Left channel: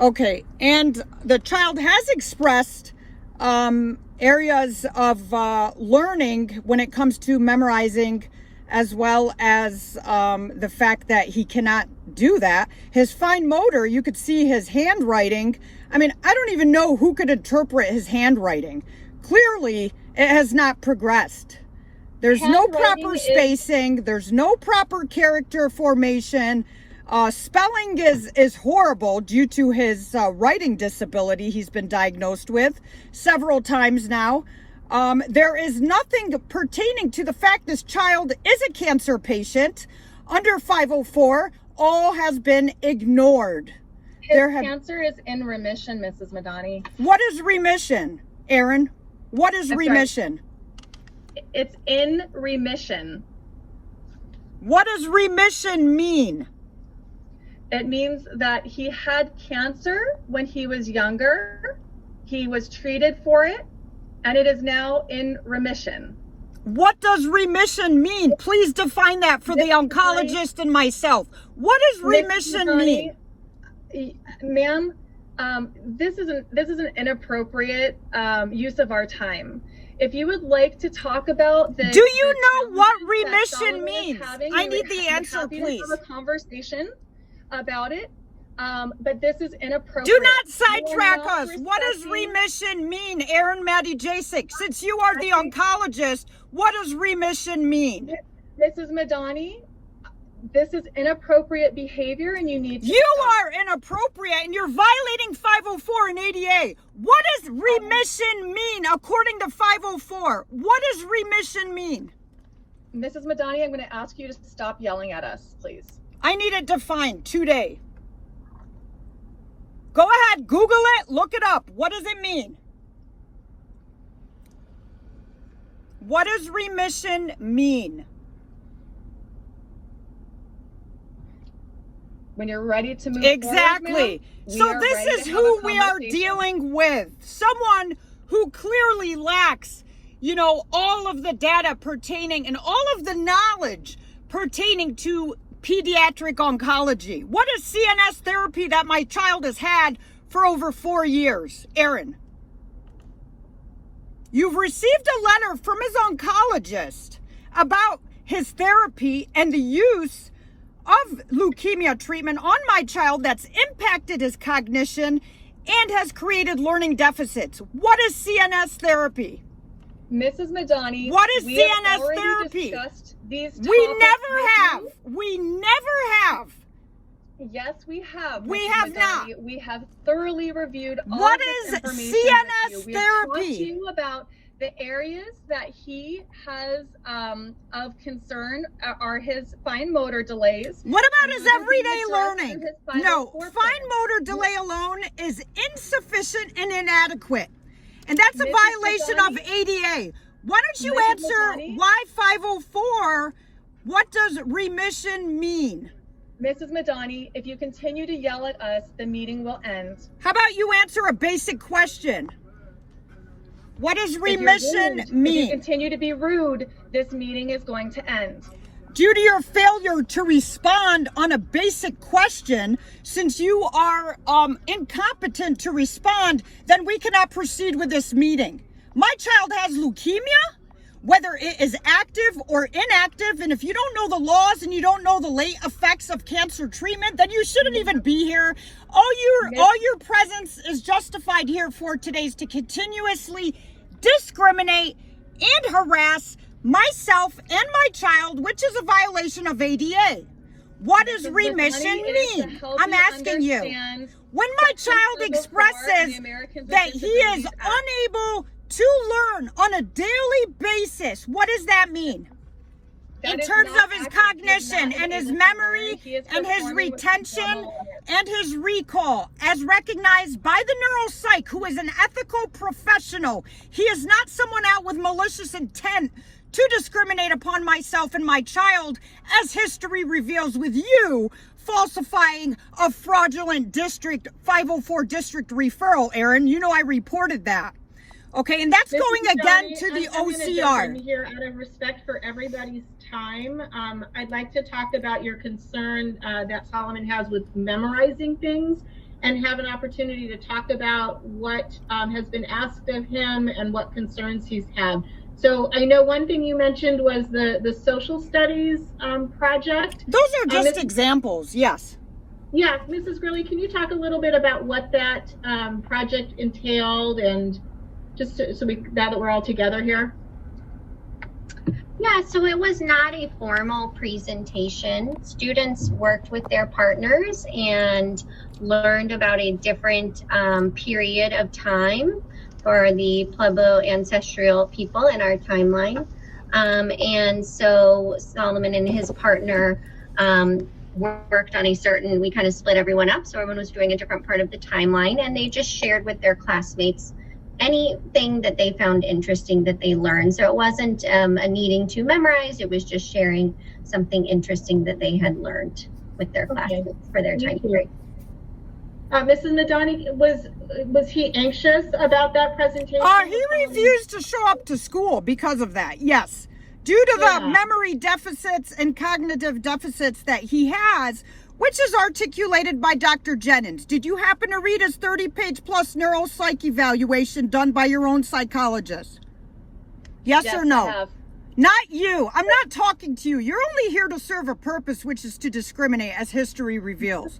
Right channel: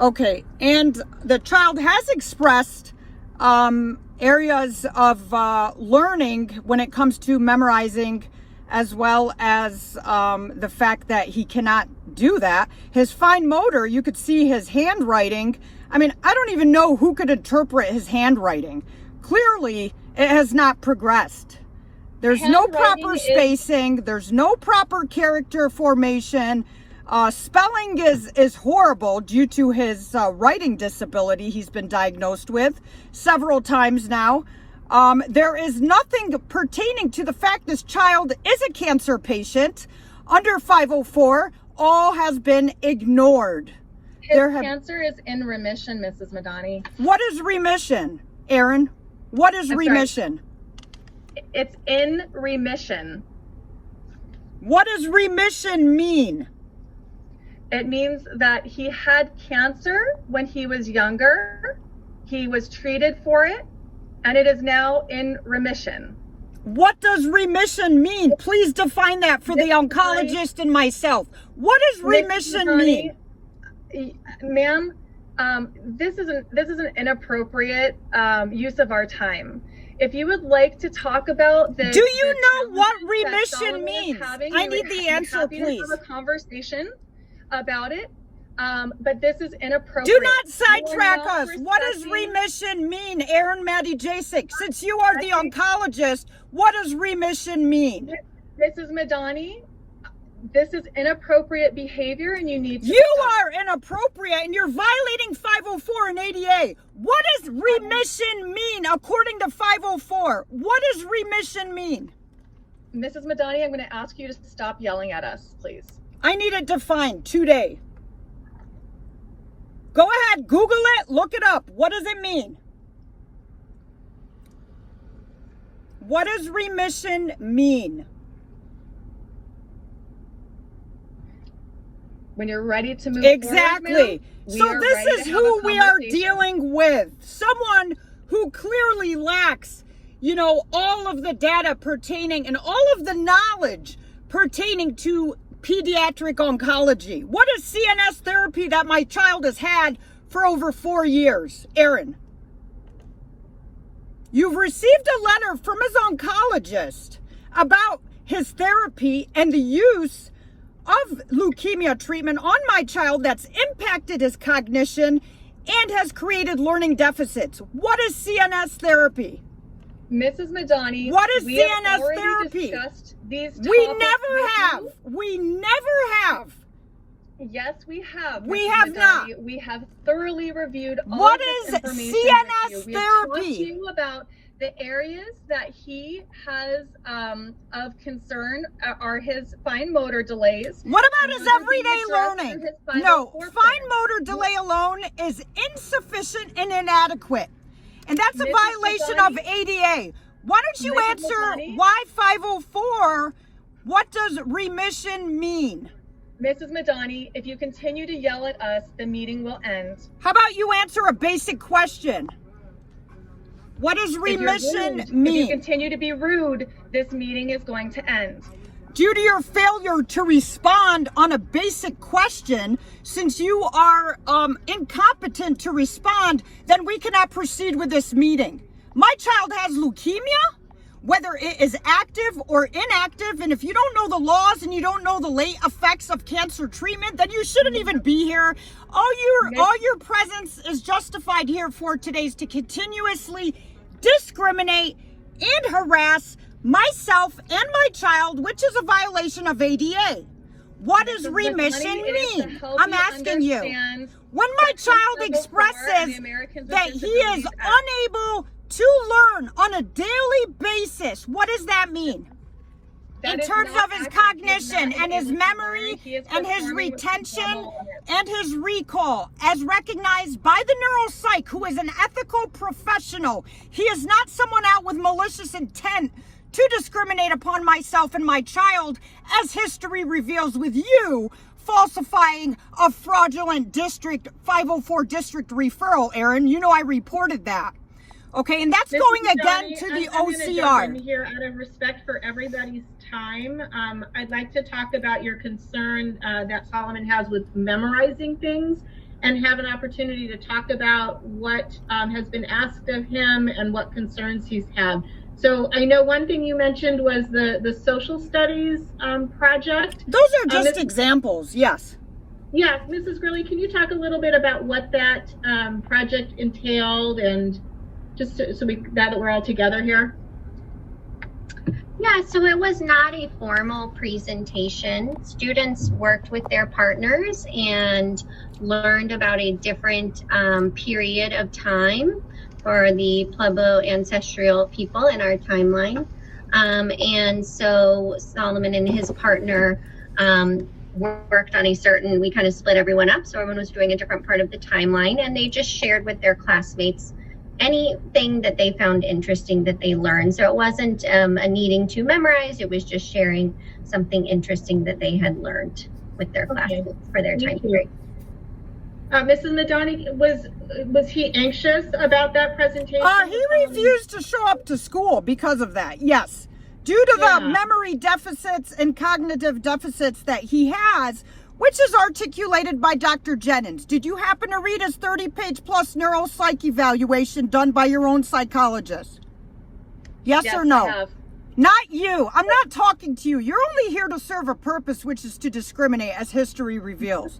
Okay, and the child has expressed areas of learning when it comes to memorizing, as well as the fact that he cannot do that. His fine motor, you could see his handwriting. I mean, I don't even know who could interpret his handwriting. Clearly, it has not progressed. There's no proper spacing. There's no proper character formation. Spelling is horrible due to his writing disability he's been diagnosed with several times now. There is nothing pertaining to the fact this child is a cancer patient under 504. All has been ignored. His cancer is in remission, Mrs. Madani. What is remission, Aaron? What is remission? Sorry. It's in remission. What does remission mean? It means that he had cancer when he was younger. He was treated for it, and it is now in remission. What does remission mean? Please define that for the oncologist and myself. What does remission mean? Ma'am, this is an inappropriate use of our time. If you would like to talk about this, do you know what remission means? I need the answer, please. Have a conversation about it, but this is inappropriate. Do not sidetrack us. What does remission mean, Aaron Maddie Jasek? Since you are the oncologist, what does remission mean? Mrs. Madani, this is inappropriate behavior, and you need to stop. Are inappropriate, and you're violating 504 and ADA. What does remission mean according to 504? What does remission mean? Mrs. Madani, I'm going to ask you to stop yelling at us, please. I need it defined today. Go ahead, Google it, look it up. What does it mean? What does remission mean? When you're ready to move exactly. Forward, so this is who we are dealing with. Someone who clearly lacks, all of the data pertaining and all of the knowledge pertaining to pediatric oncology. What is CNS therapy that my child has had for over 4 years? Aaron, you've received a letter from his oncologist about his therapy and the use of leukemia treatment on my child that's impacted his cognition and has created learning deficits. What is CNS therapy? Mrs. Madani, what is CNS therapy? We never have. Yes, we have. We have not. We have thoroughly reviewed all what of is this information CNS we therapy? have talked to you about the areas that he has of concern are his fine motor delays. What about his everyday learning? No, fine motor delay alone is insufficient and inadequate. And that's a violation of ADA. Why don't you answer why 504? What does remission mean? Mrs. Madani, if you continue to yell at us, the meeting will end. How about you answer a basic question? What does remission mean? If you continue to be rude, this meeting is going to end. Due to your failure to respond on a basic question, since you are incompetent to respond, then we cannot proceed with this meeting. My child has leukemia, whether it is active or inactive, and if you don't know the laws and you don't know the late effects of cancer treatment, then you shouldn't even be here. All your presence is justified here for today is to continuously discriminate and harass myself and my child, which is a violation of ADA. What does remission mean? I'm asking you. When my child expresses that he is unable to learn on a daily basis, what does that mean? In terms of his cognition and his memory and his retention and his recall, as recognized by the neuropsych, who is an ethical professional. He is not someone out with malicious intent to discriminate upon myself and my child, as history reveals with you falsifying a fraudulent district 504 district referral, Aaron. You know I reported that. Okay, and that's going again to the OCR. Here, out of respect for everybody's time, I'd like to talk about your concern that Solomon has with memorizing things and have an opportunity to talk about what has been asked of him and what concerns he's had. So I know one thing you mentioned was the social studies project. Those are just examples, yes. Yeah, Mrs. Gurley, can you talk a little bit about what that project entailed, and just so that we're all together here? Yeah, so it was not a formal presentation. Students worked with their partners and learned about a different period of time for the Pueblo ancestral people in our timeline. And so Solomon and his partner worked on we kind of split everyone up, so everyone was doing a different part of the timeline, and they just shared with their classmates anything that they found interesting that they learned. So it wasn't a needing to memorize, it was just sharing something interesting that they had learned with their classmates for their time period. Mrs. Madani, was he anxious about that presentation? He refused to show up to school because of that, yes. Due to the memory deficits and cognitive deficits that he has, which is articulated by Dr. Jennings. Did you happen to read his 30-page plus neuropsych evaluation done by your own psychologist? Yes or no? I have. Not you. I'm not talking to you. You're only here to serve a purpose, which is to discriminate, as history reveals.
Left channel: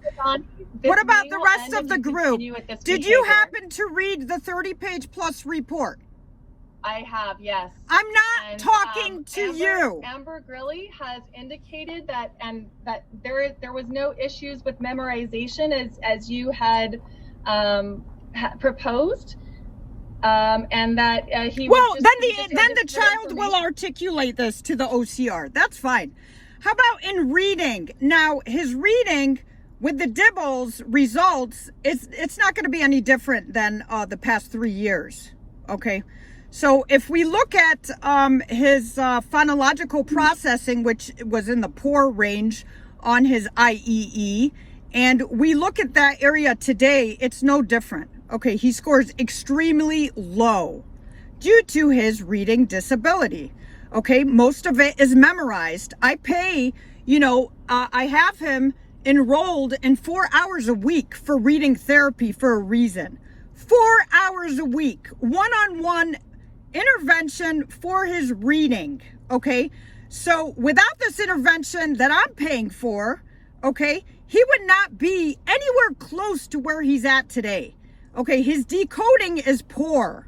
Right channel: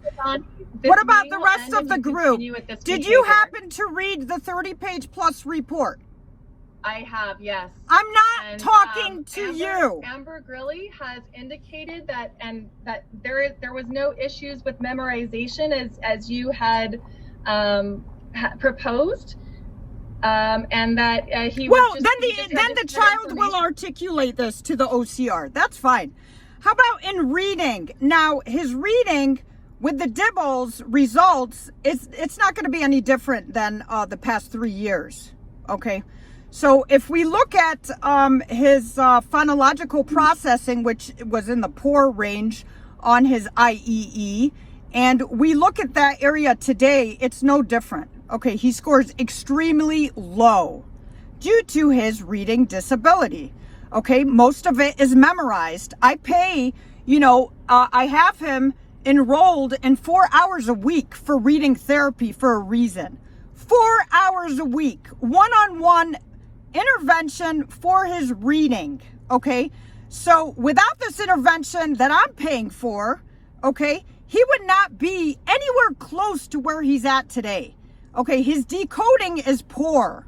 What about the rest of the group? Did you happen to read the 30-page plus report? I have, yes. I'm not talking to you. Amber Grilly has indicated that there was no issues with memorization as you had proposed, and that he well, was then the child will articulate this to the OCR. That's fine. How about in reading? Now his reading with the Dibbles results, it's not going to be any different than the past 3 years. Okay. So if we look at his phonological processing, which was in the poor range on his IEE, and we look at that area today, it's no different. Okay, he scores extremely low due to his reading disability. Okay, most of it is memorized. I pay, I have him enrolled in 4 hours a week for reading therapy for a reason. 4 hours a week, one-on-one intervention for his reading. Okay, so without this intervention that I'm paying for, okay, he would not be anywhere close to where he's at today. Okay, his decoding is poor.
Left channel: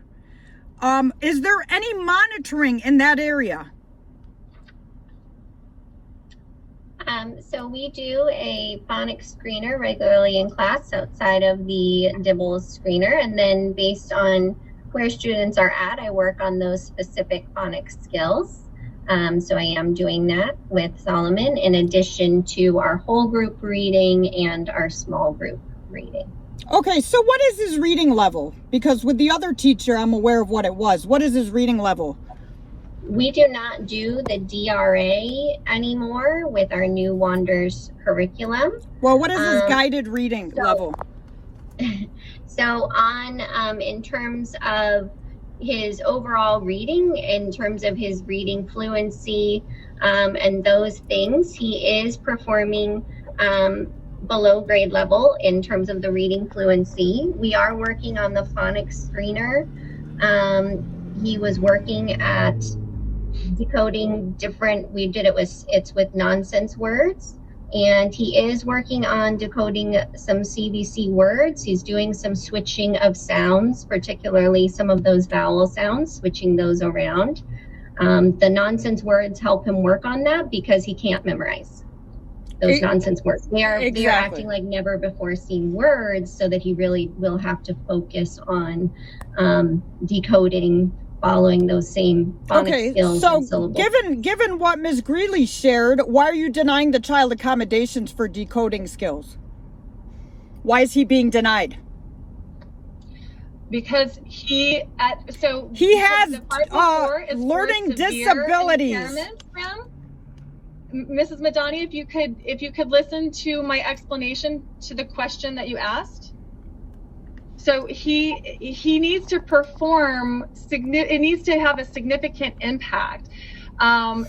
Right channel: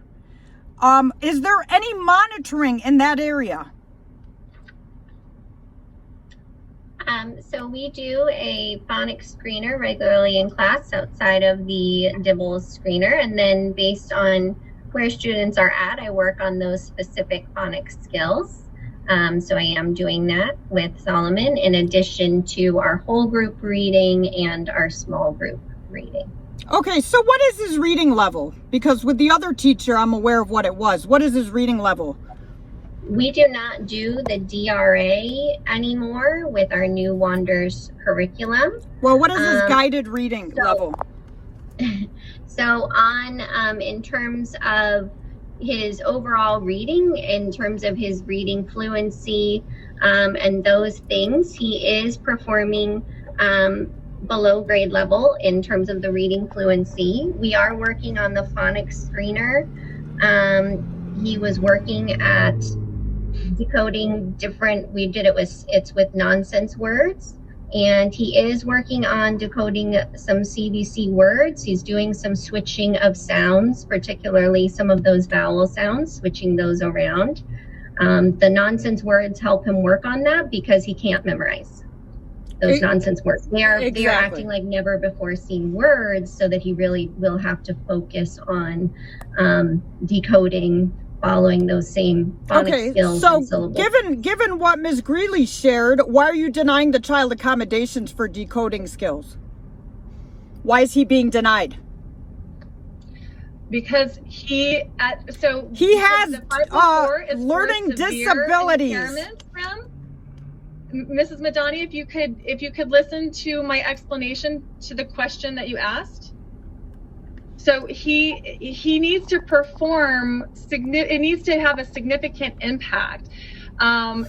Is there any monitoring in that area? So we do a phonics screener regularly in class outside of the Dibbles screener, and then based on where students are at, I work on those specific phonics skills. So I am doing that with Solomon in addition to our whole group reading and our small group reading. Okay, so what is his reading level? Because with the other teacher, I'm aware of what it was. What is his reading level? We do not do the DRA anymore with our new Wanders curriculum. Well, what is his guided reading level? So in terms of his overall reading, in terms of his reading fluency and those things, he is performing below grade level in terms of the reading fluency. We are working on the phonics screener. He was working at decoding different, it's with nonsense words. And he is working on decoding some CVC words. He's doing some switching of sounds, particularly some of those vowel sounds, switching those around. The nonsense words help him work on that because he can't memorize those nonsense words. They are acting like never before seen words, so that he really will have to focus on decoding, following those same phonics skills and syllables. Given what Ms. Greeley shared, why are you denying the child accommodations for decoding skills? Why is he being denied? Because he has learning disabilities. Mrs. Madani, if you could listen to my explanation to the question that you asked. So he needs to perform, it needs to have a significant impact.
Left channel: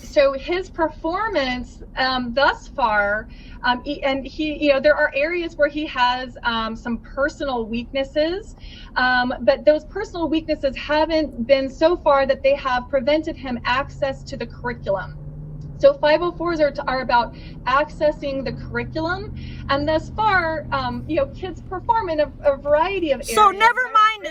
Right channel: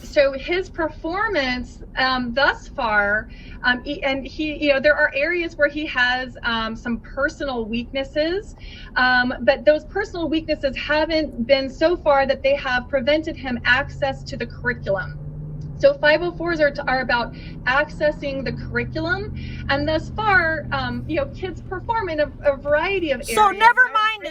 So his performance thus far And he, there are areas where he has some personal weaknesses, but those personal weaknesses haven't been so far that they have prevented him access to the curriculum. So 504s are about accessing the curriculum, and thus far, kids perform in a variety of areas. So never mind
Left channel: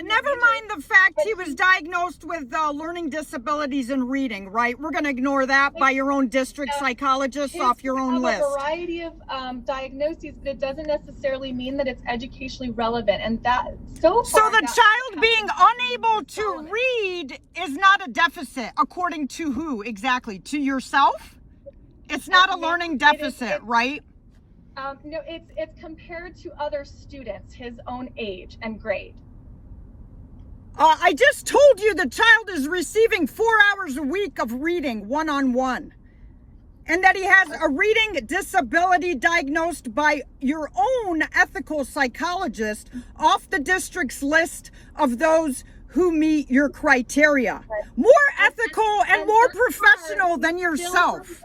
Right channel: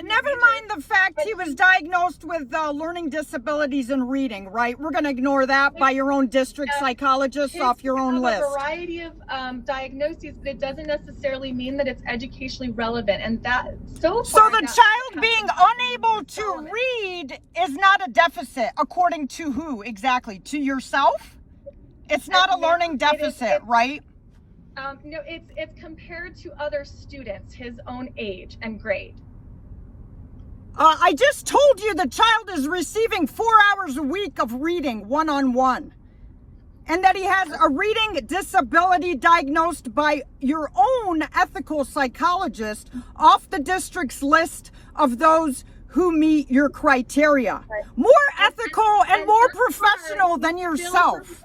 the fact he was diagnosed with learning disabilities in reading, right? We're going to ignore that by your own district psychologist off your own list. A variety of diagnoses, but it doesn't necessarily mean that it's educationally relevant, and that so far. So the child being unable to read is not a deficit, according to who exactly? To yourself? It's not a learning deficit, right? No, it's compared to other students his own age and grade. I just told you the child is receiving 4 hours a week of reading one-on-one, and that he has a reading disability diagnosed by your own ethical psychologist off the district's list of those who meet your criteria. More ethical and more professional than yourself.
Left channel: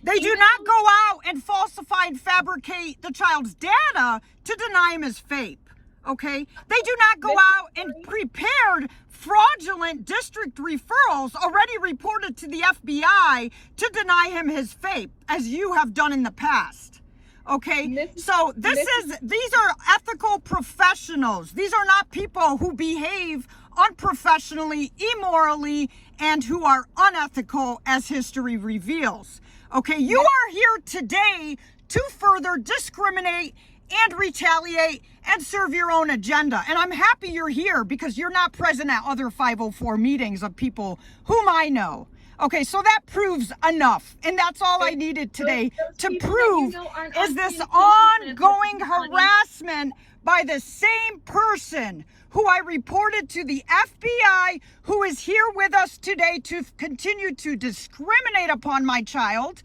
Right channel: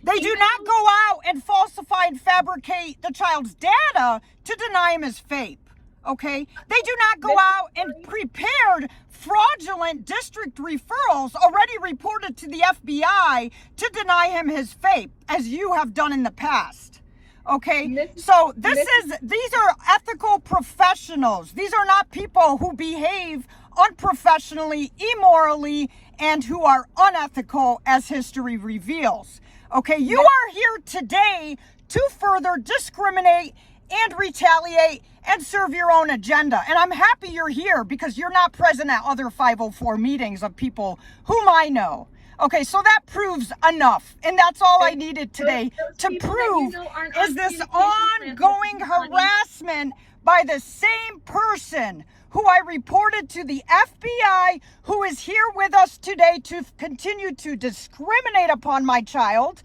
They do not go out and falsify and fabricate the child's data to deny him his FAPE, okay? They do not go out and prepared fraudulent district referrals already reported to the FBI to deny him his FAPE, as you have done in the past, okay? So these are ethical professionals. These are not people who behave unprofessionally, immorally, and who are unethical, as history reveals. Okay, you are here today to further discriminate and retaliate and serve your own agenda. And I'm happy you're here because you're not present at other 504 meetings of people whom I know. Okay, so that proves enough. And that's all I needed today to prove is this ongoing harassment by the same person who I reported to the FBI, who is here with us today to continue to discriminate upon my child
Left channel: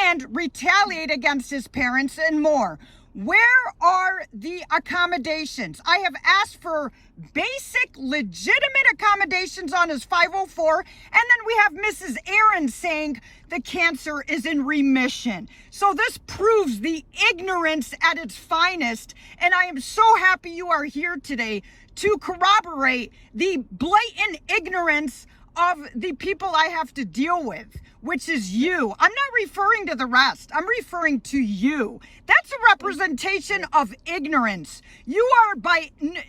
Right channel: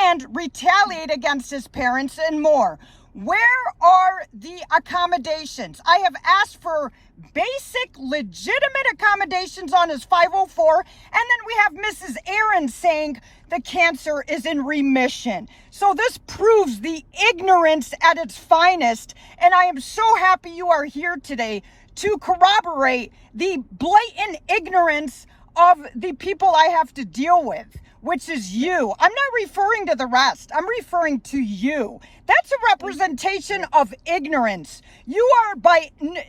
and retaliate against his parents and more. Where are the accommodations? I have asked for basic, legitimate accommodations on his 504, and then we have Mrs. Aaron saying the cancer is in remission. So this proves the ignorance at its finest, and I am so happy you are here today to corroborate the blatant ignorance of the people I have to deal with, which is you. I'm not referring to the rest. I'm referring to you. That's a representation of ignorance. You are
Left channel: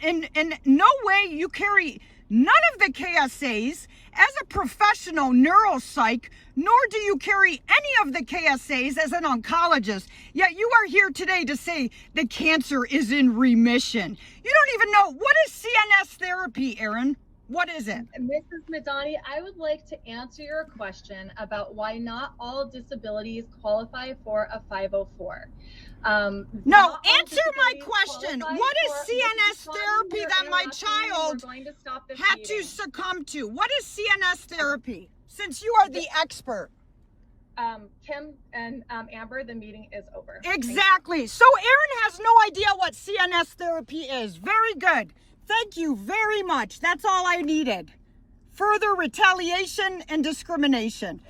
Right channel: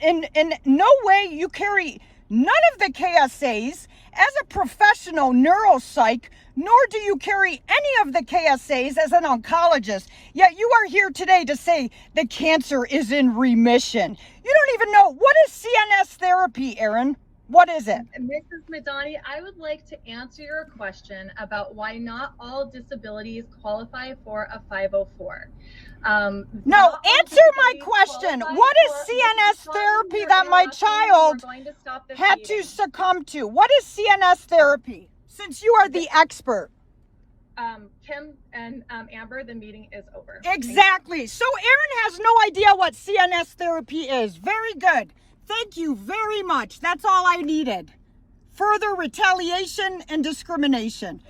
in no way, you carry none of the KSAs as a professional neuropsych, nor do you carry any of the KSAs as an oncologist. Yet you are here today to say the cancer is in remission. You don't even know, what is CNS therapy, Aaron? What is it? Mrs. Madani, I would like to answer your question about why not all disabilities qualify for a 504. No, answer my question. What is CNS therapy that my child had to succumb to? What is CNS therapy, since you are the expert? Kim and Amber, the meeting is over. Exactly. So Aaron has no idea what CNS therapy is. Very good. Thank you very much. That's all I needed. Further retaliation and discrimination.